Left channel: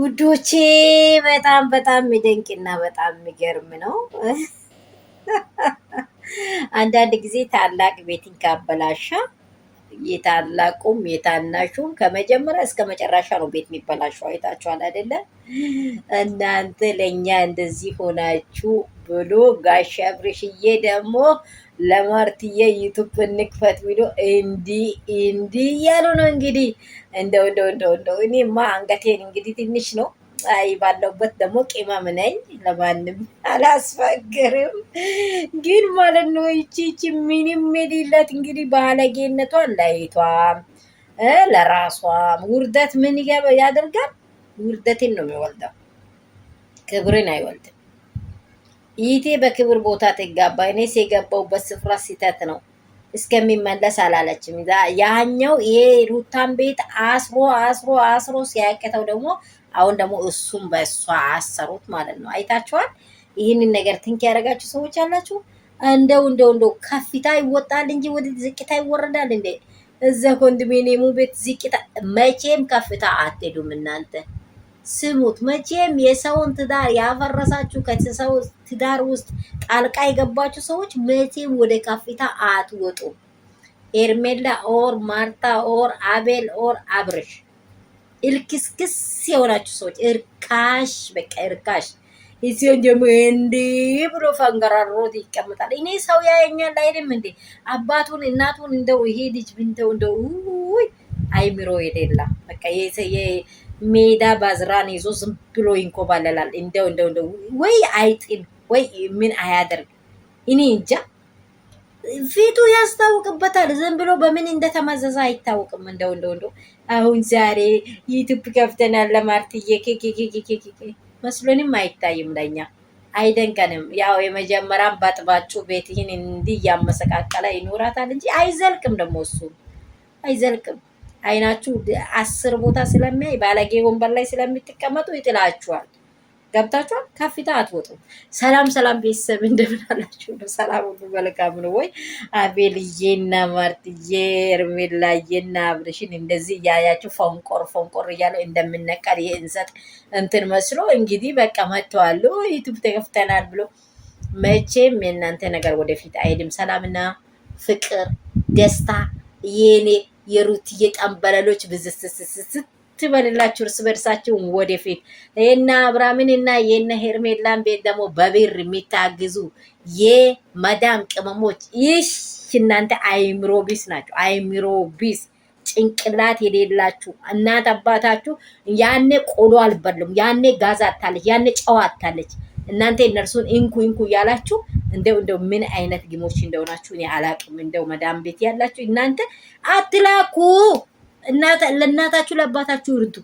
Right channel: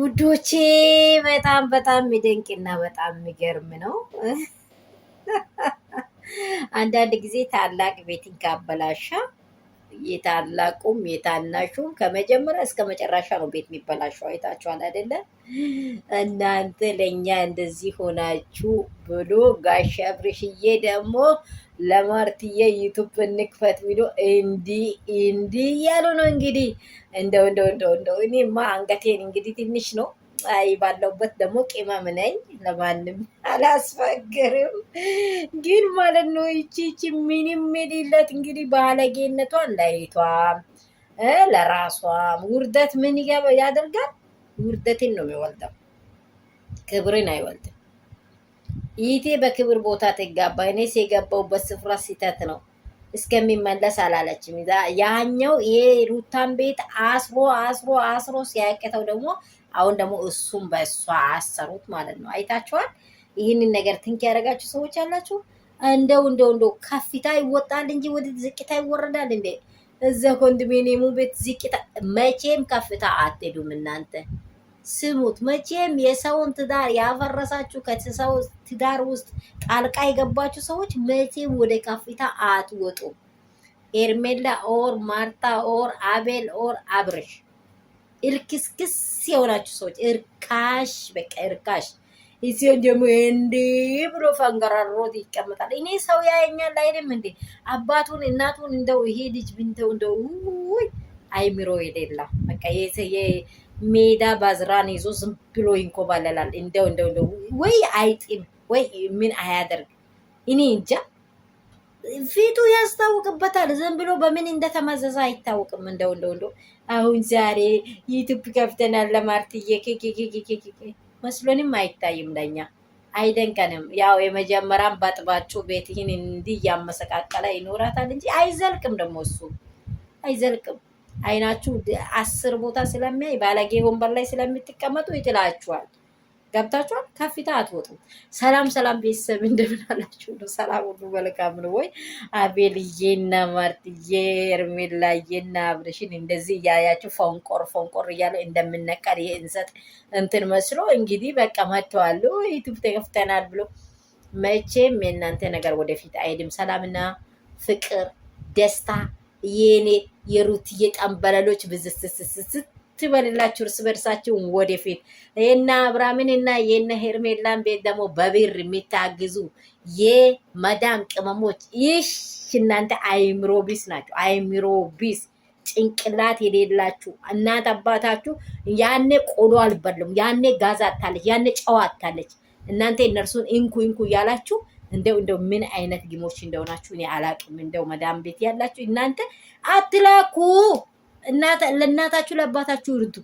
ውዶቼ በጣም በጣም የሚደንቅና በጣም የሚገርም ነው። አንዳንድ ጊዜ ታላቅ ቤትን ካበላሻ የታላቁም የታናሹም ከመጀመሪያ እስከ መጨረሻ ነው ቤት የሚበላሸው። አይታችኋል አይደለ? እናንተ ለእኛ እንደዚህ ሆናችሁ ብሎ ጋሽ አብርሽዬ ደግሞ ለማርትዬ ዩቱብ እንክፈት ቢሎ እንዲህ እያሉ ነው እንግዲህ። እንደው እኔማ አንገቴን እንግዲህ ትንሽ ነው። አይ ባለውበት ደግሞ ቅመም ነኝ፣ ለማንም አላስፋገርም። ግን ማለት ነው ይቺ ምንም የሌላት እንግዲህ ባለጌነቷን ላይቷም ለራሷም ውርደት ምን ያደርጋል? ውርደትን ነው የሚወልደው፣ ክብርን አይወልድም። ይቴ በክብር ቦታ ትጋባ። እኔስ የገባውበት ስፍራ ስህተት ነው እስከሚመለስ አላለችም። ያኛው ይሄ ሩታን ቤት አስሮ ሲያቅተው ደግሞ አሁን ደግሞ እሱም በእሷ አሰሩት ማለት ነው። አይታችኋል። ይህንን ነገር ትንክ ያደረጋችሁ ሰዎች አላችሁ። እንደው ከፍታ ይወጣል እንጂ ወደ ዝቅታ ይወረዳል እንዴ? እዛ ኮንዶሚኒየሙ ቤት ዝቅታ፣ መቼም ከፍታ አትሄዱም እናንተ። ስሙት፣ መቼም የሰውን ትዳር ያፈረሳችሁ ከሰው ትዳር ውስጥ ጣልቃ የገባችሁ ሰዎች መቼም ወደ ከፍታ አትወጡም። ኤርሜላ ኦር ማርታ ኦር አቤል ኦር አብርሽ እልክስክስ የሆናችሁ ሰዎች እርካሽ፣ በቃ እርካሽ። ይሲዮን ደግሞ እንዲህ ብሎ ፈንገራሮት ይቀመጣል። እኔ ሰው ያየኛል አይደለም እንዴ? አባቱን እናቱን እንደው ይሄ ልጅ እንደው አይምሮ የሌላ በቃ ሜዳ ባዝራን ይዞ ዝም ብሎ ይንኮባለላል። እንደው ወይ አይጥም ወይ ምን አያደርግ እኔ እንጃ። ፊቱ ያስታውቅበታል። ዝም ብሎ በምን እንደተመዘዘ አይታወቅም። እንደው አሁን ዛሬ ዩቲዩብ ከፍተናል ለማርትዬ መስሎንም አይታይም፣ ለኛ አይደንቀንም። ያው የመጀመሪያም ባጥባችሁ ቤት ይህን እንዲህ እያመሰቃቀለ ይኖራታል እንጂ አይዘልቅም። ደግሞ እሱ አይዘልቅም። አይናችሁ 10 ቦታ ስለሚያይ ባለጌ ወንበር ላይ ስለምትቀመጡ ይጥላችኋል። ገብታችኋል። ከፊታ አትወጡም። ሰላም ቤተሰብ እንደምን አላችሁ? ሰላም ሁሉ መልካም ነው ወይ? አቤልዬና ማርትዬ ኤርሜላዬና አብርሽን እንደዚህ እያያችሁ ፎንቆር እያሉ እንደምነቀል የእንሰጥ እንትን መስሎ እንግዲህ በቃ መጥተዋል። ዩቱብ ተከፍተናል ብሎ መቼም የእናንተ ነገር ወደፊት አይድም። ሰላምና ፍቅር ደስታ የኔ የሩትዬ ጠንበለሎች ብዝስስስት ትበልላችሁ እርስ በርሳችሁ ወደፊት። እና አብራምን እና የነ ሄርሜላን ቤት ደግሞ በብር የሚታግዙ የመዳም ቅመሞች ይሽ እናንተ አይምሮ ቢስ ናቸው። አይምሮ ቢስ ጭንቅላት የሌላችሁ እናት አባታችሁ ያኔ ቆሎ አልበሉም፣ ያኔ ጋዝ አታለች፣ ያኔ ጨዋ አታለች። እናንተ እነርሱን እንኩ እያላችሁ እንደው ምን አይነት ግሞች እንደሆናችሁ እኔ አላቅም። እንደው መዳም ቤት ያላችሁ እናንተ አትላኩ። ለእናታችሁ ለአባታችሁ እርዱ።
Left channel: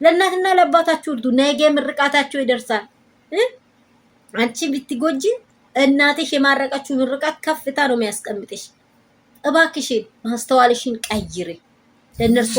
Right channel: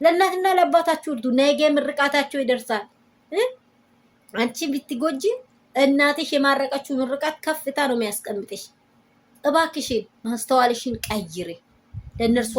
ለእናትና ለአባታችሁ እርዱ። ነገ ምርቃታቸው ይደርሳል። አንቺ ብትጎጂ እናትሽ የማረቀችው ምርቃት ከፍታ ነው የሚያስቀምጥሽ። እባክሽን ማስተዋልሽን ቀይሪ። ለእነርሱ